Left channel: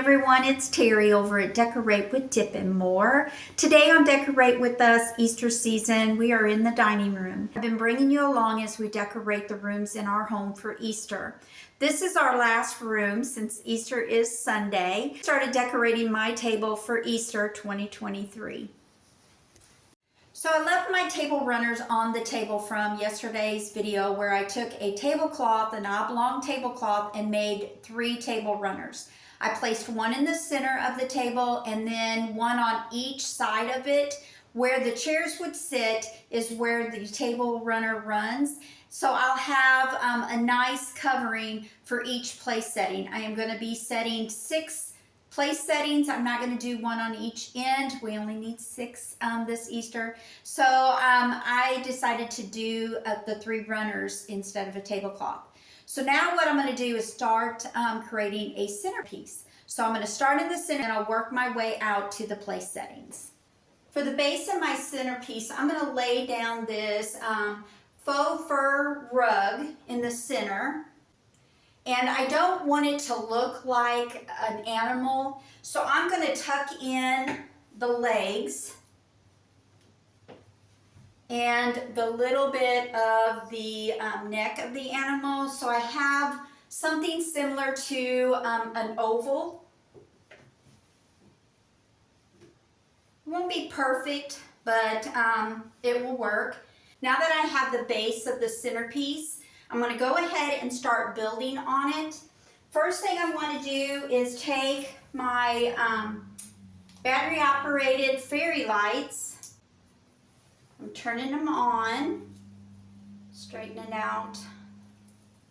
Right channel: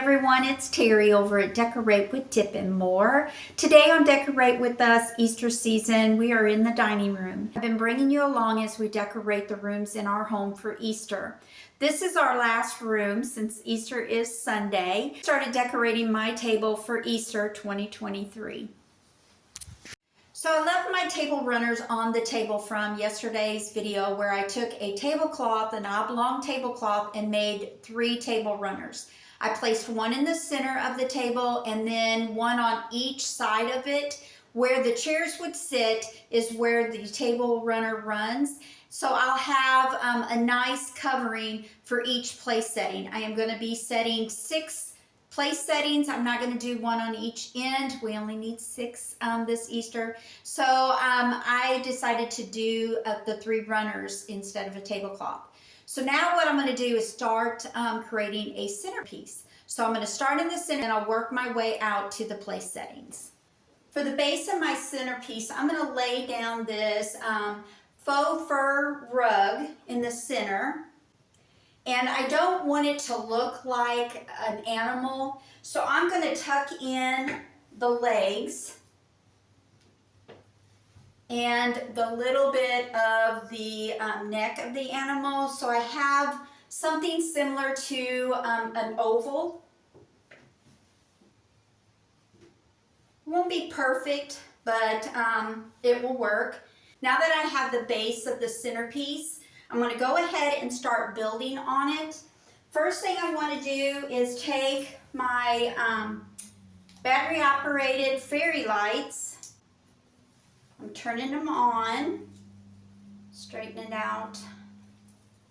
everyone, it's Terry over at Decorate with Dip and More. Today on Decorate with Us Easter season, we are in the dining room. I've been bringing you along as we decorate the rooms in our home for Easter. This is our last room since Easter is Sunday. I started decorating my table for Easter 2023. So I left my table runners on the table from yesterday's video where I took a tablecloth, an oblong tablecloth, and made 3 table runners. I placed one in the center of the table and then one on each side of it. Where the chairs would sit is where the table runner runs. So I'll have a nice covering for each place setting. I am going to be setting 6 place settings. I'm not going to do one on each end. We only need 6 this Easter. So I decided to do the 3 runners instead of a tablecloth. So now what I'm going to do is start creating a centerpiece. So I'm going to start in the center and I'll work my way out to the place settings. For the base of my centerpiece, I'm going to lay down this faux fur rug in the center. And I don't want it to look like an animal, so I'm going to tuck in the legs and the little bit of the neck of the animal. So I have something similar to an oval. It won't be perfect, but it will work. Now that I have the base of the centerpiece, I'm going to go ahead and start building on it. First thing I want to do is take my battery operated fairy lights. I'm turning them on, straighten it out.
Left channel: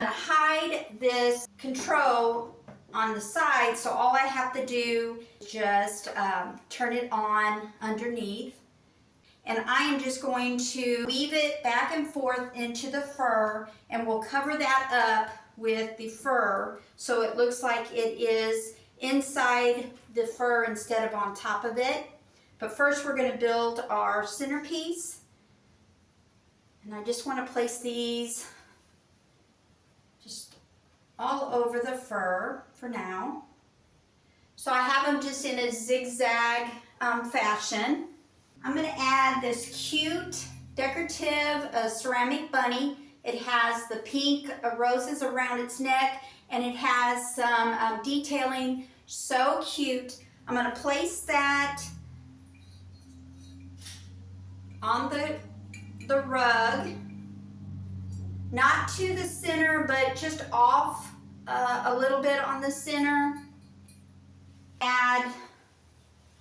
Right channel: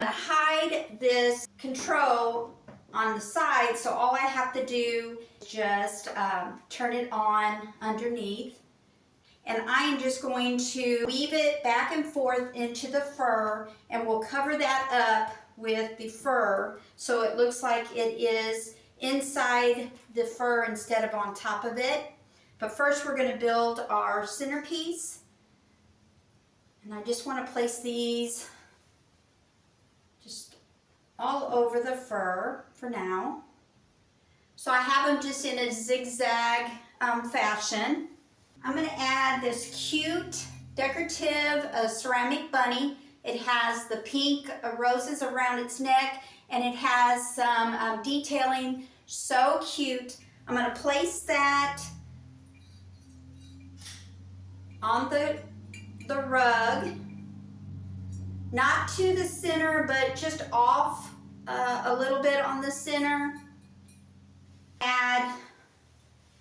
I'm going to hide this control on the side, so all I have to do is just turn it on underneath. And I am just going to weave it back and forth into the fur, and we'll cover that up with the fur so it looks like it is inside the fur instead of on top of it. But first we're going to build our centerpiece. And I just want to place these just all over the fur for now. So I have them just in a zigzag fashion. I'm going to add this cute decorative ceramic bunny. It has the pink roses around its neck and it has some detailing. So cute. I'm going to place that on the rug, not to the center, but just off a little bit on the center. Add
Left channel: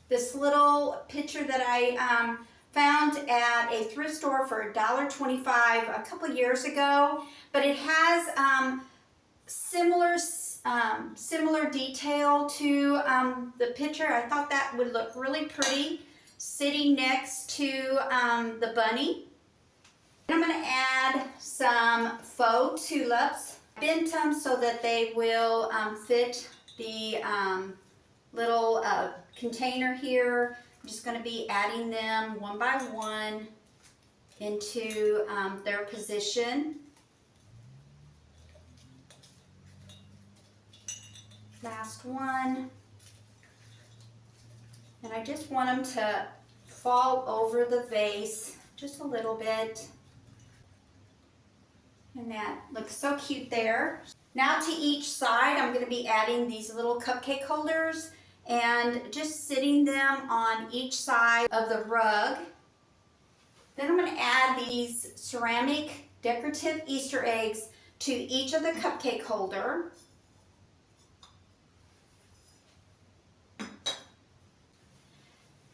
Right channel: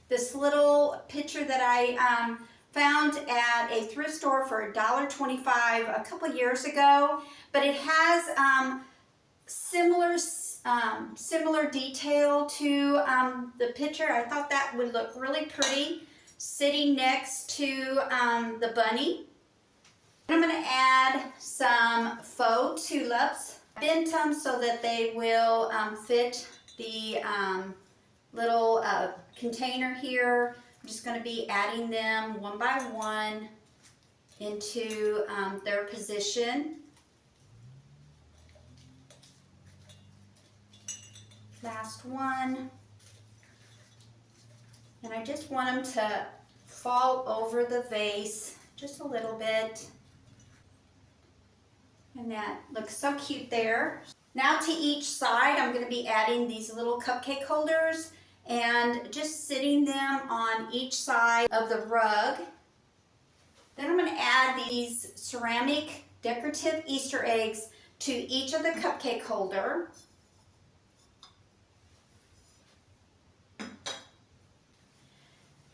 this little picture that I found at a thrift store for $1.25 a couple years ago, but it has similar detail to the picture. I thought that would look really pretty sitting next to the bunny. I'm going to add some faux tulips. I bent them so that they will fit the little container here. I'm just going to be adding them one by one into their position. Last one. And I just want them to fall over the vase just a little bit. And that looks so cute there. Now to each side, I'm going to be adding these little cupcake holders and just sitting them on each side of the rug. Then I'm going to add these ceramic decorative Easter eggs to each of the cupcake holder.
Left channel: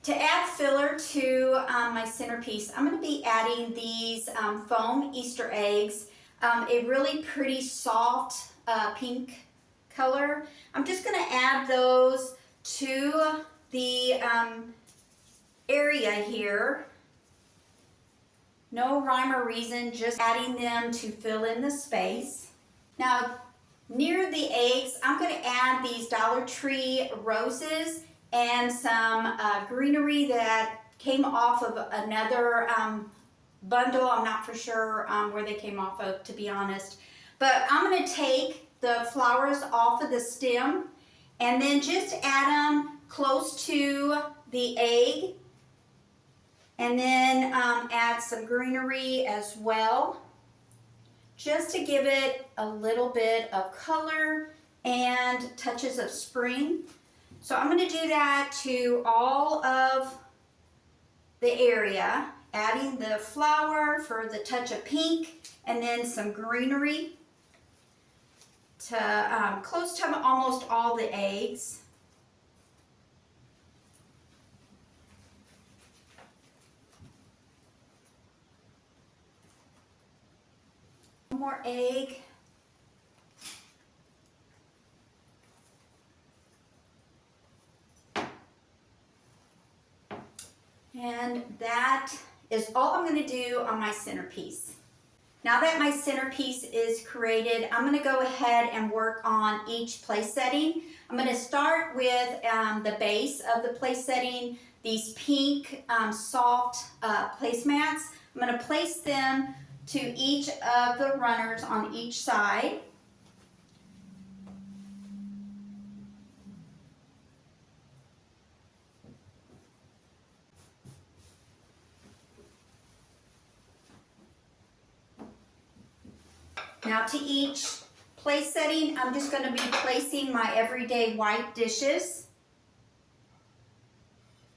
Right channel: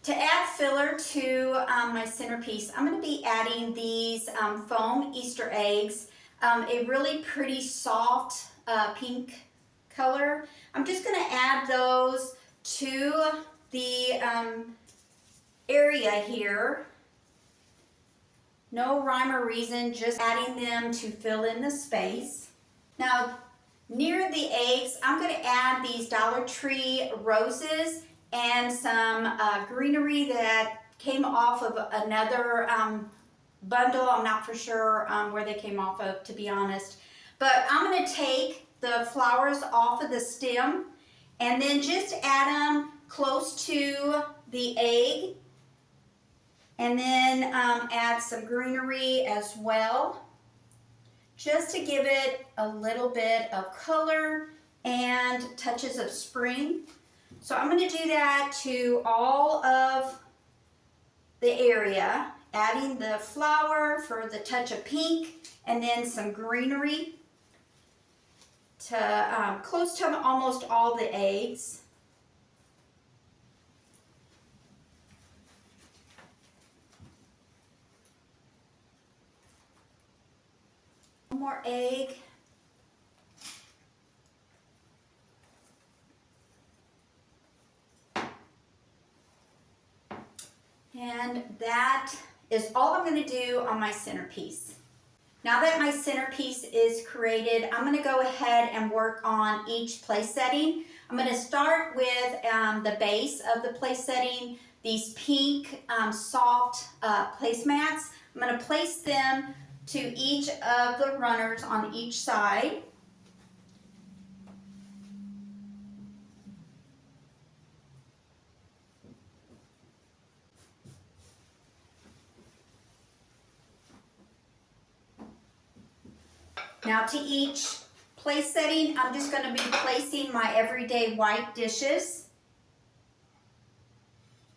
To add filler to my centerpiece, I'm going to be adding these foam Easter eggs, a really pretty soft pink color. I'm just going to add those to the area here. No rhyme or reason, just adding them to fill in the space. Now, near the eggs, I'm going to add these Dollar Tree roses and some greenery that came off of another bundle. I'm not for sure where they came off of, to be honest. But I'm going to take the flowers off of the stem And then just add them close to the egg. And then add some greenery as well, just to give it a little bit of color and touches of spring. So I'm going to do that to all of the area, adding the flower for the touch of pink and then some greenery to close to almost all the eggs. One more egg. And that is all I'm going to do on my centerpiece. Now that my centerpiece is created, I'm going to go ahead and work on each place setting. I'm going to start with the base of the place setting, these pink soft placemats. I'm going to place them to each of the runners on each side. Now to each place setting, I'm just going to be placing my everyday white dishes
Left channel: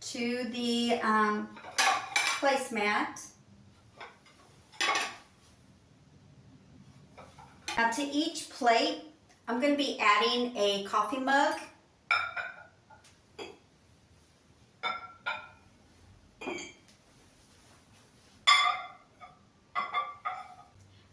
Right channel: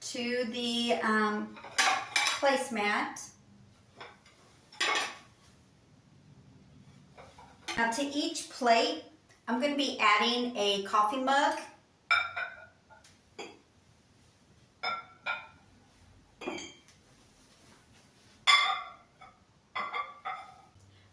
to the placemat. Now to each plate, I'm going to be adding a coffee mug.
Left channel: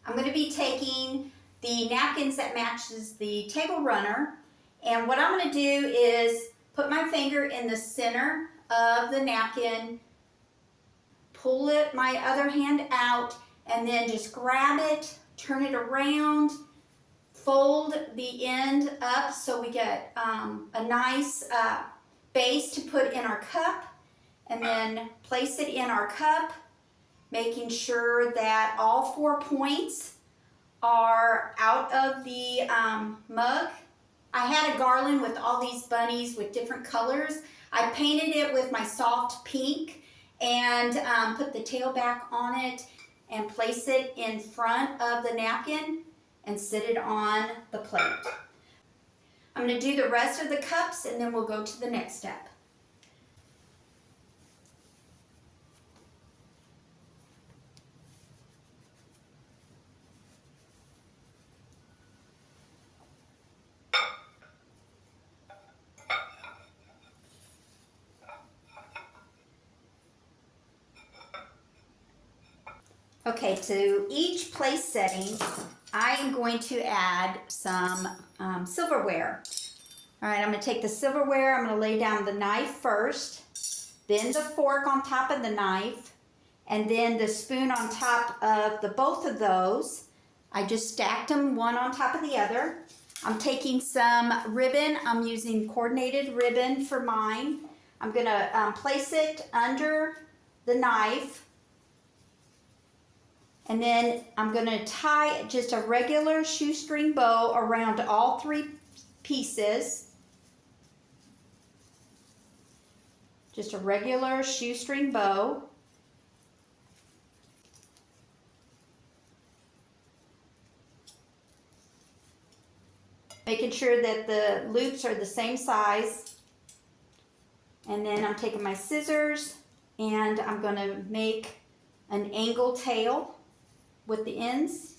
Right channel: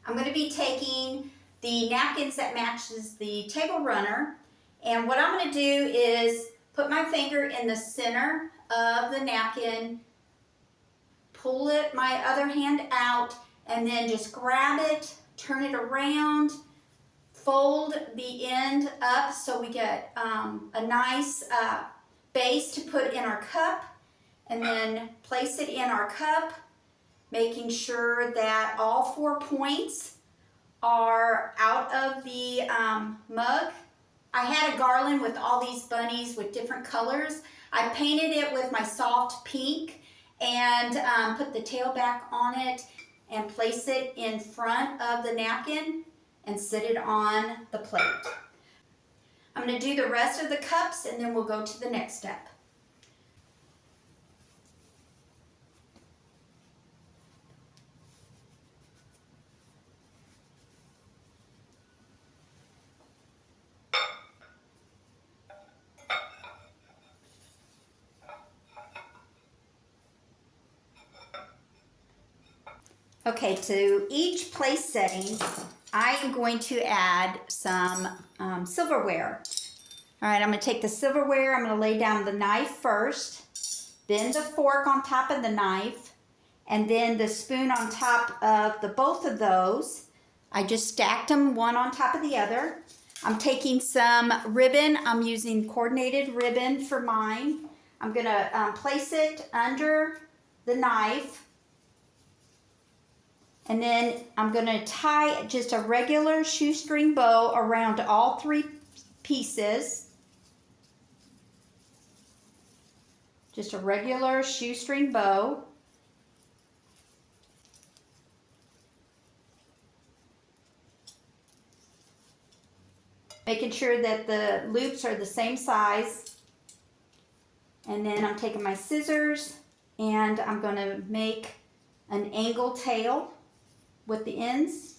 I'm going to be taking the napkins that matches the table runner, and what I'm going to do is put my finger in the center of the napkin, pull it my other hand out, and then just grab it, turn it around, fold the end up so we get a nice base to put in our cup, and then place it in our cup, making sure that all 4 points are out of the mug. I had a garland with all these bunnies with different colors. I painted it with my soft pink and put the tail back on it and place it in front of the napkin and sit it on the plate. I'm going to do the rest of the cups and then we'll go to the next step. Okay, to each place setting, I am going to add some silverware. All right, I'm going to take the silverware, I'm going to lay down the knife first, then the fork on top of the knife, and then the spoon on top of both of those. I just stacked them one on top of the other. I'm taking some ribbon. I'm using coordinated ribbon for mine. I'm going to place it under the knife. And then I'm going to tie just a regular shoestring bow around all 3 pieces. Just a regular shoestring bow. Making sure that the loops are the same size. And then I'm taking my scissors and I'm going to make an angle tail with the ends.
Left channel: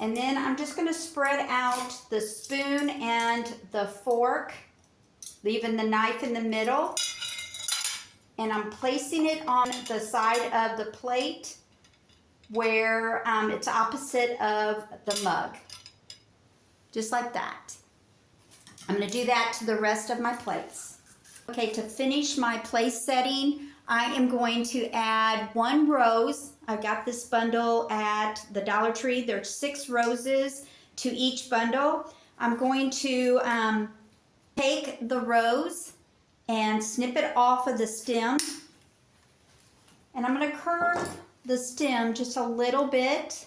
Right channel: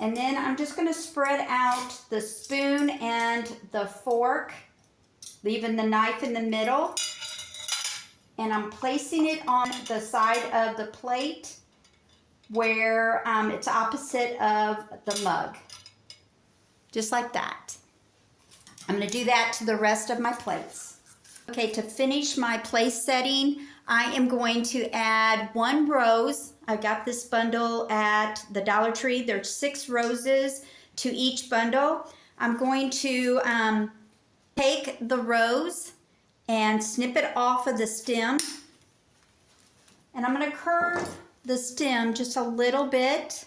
And then I'm just going to spread out the spoon and the fork, leaving the knife in the middle. And I'm placing it on the side of the plate where it's opposite of the mug. Just like that. I'm going to do that to the rest of my plates. Okay, to finish my place setting, I am going to add 1 rose. I got this bundle at the Dollar Tree. There's 6 roses to each bundle. I'm going to take the rose and snip it off of the stem. And I'm going to curve the stem just a little bit.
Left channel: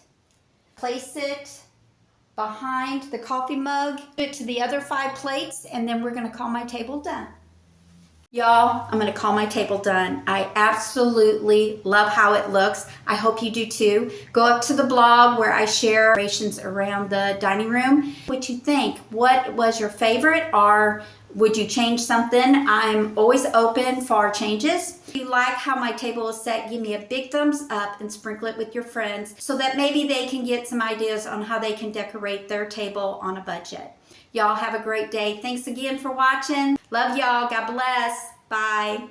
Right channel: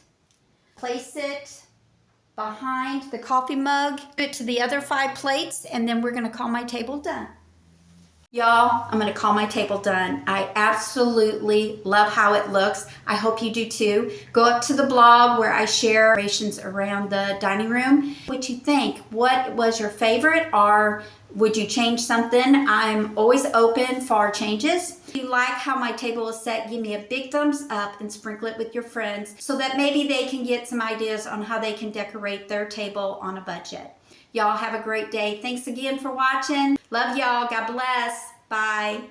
Place it behind the coffee mug, put it to the other 5 plates, and then we're gonna call my table done. Y'all, I'm gonna call my table done. I absolutely love how it looks. I hope you do too. Go up to the blog where I share decorations around the dining room. What you think? What was your favorite, or would you change something? I'm always open for changes. If you like how my table is set, give me a big thumbs up and sprinkle it with your friends so that maybe they can get some ideas on how they can decorate their table on a budget. Y'all have a great day. Thanks again for watching. Love y'all. God bless. Bye.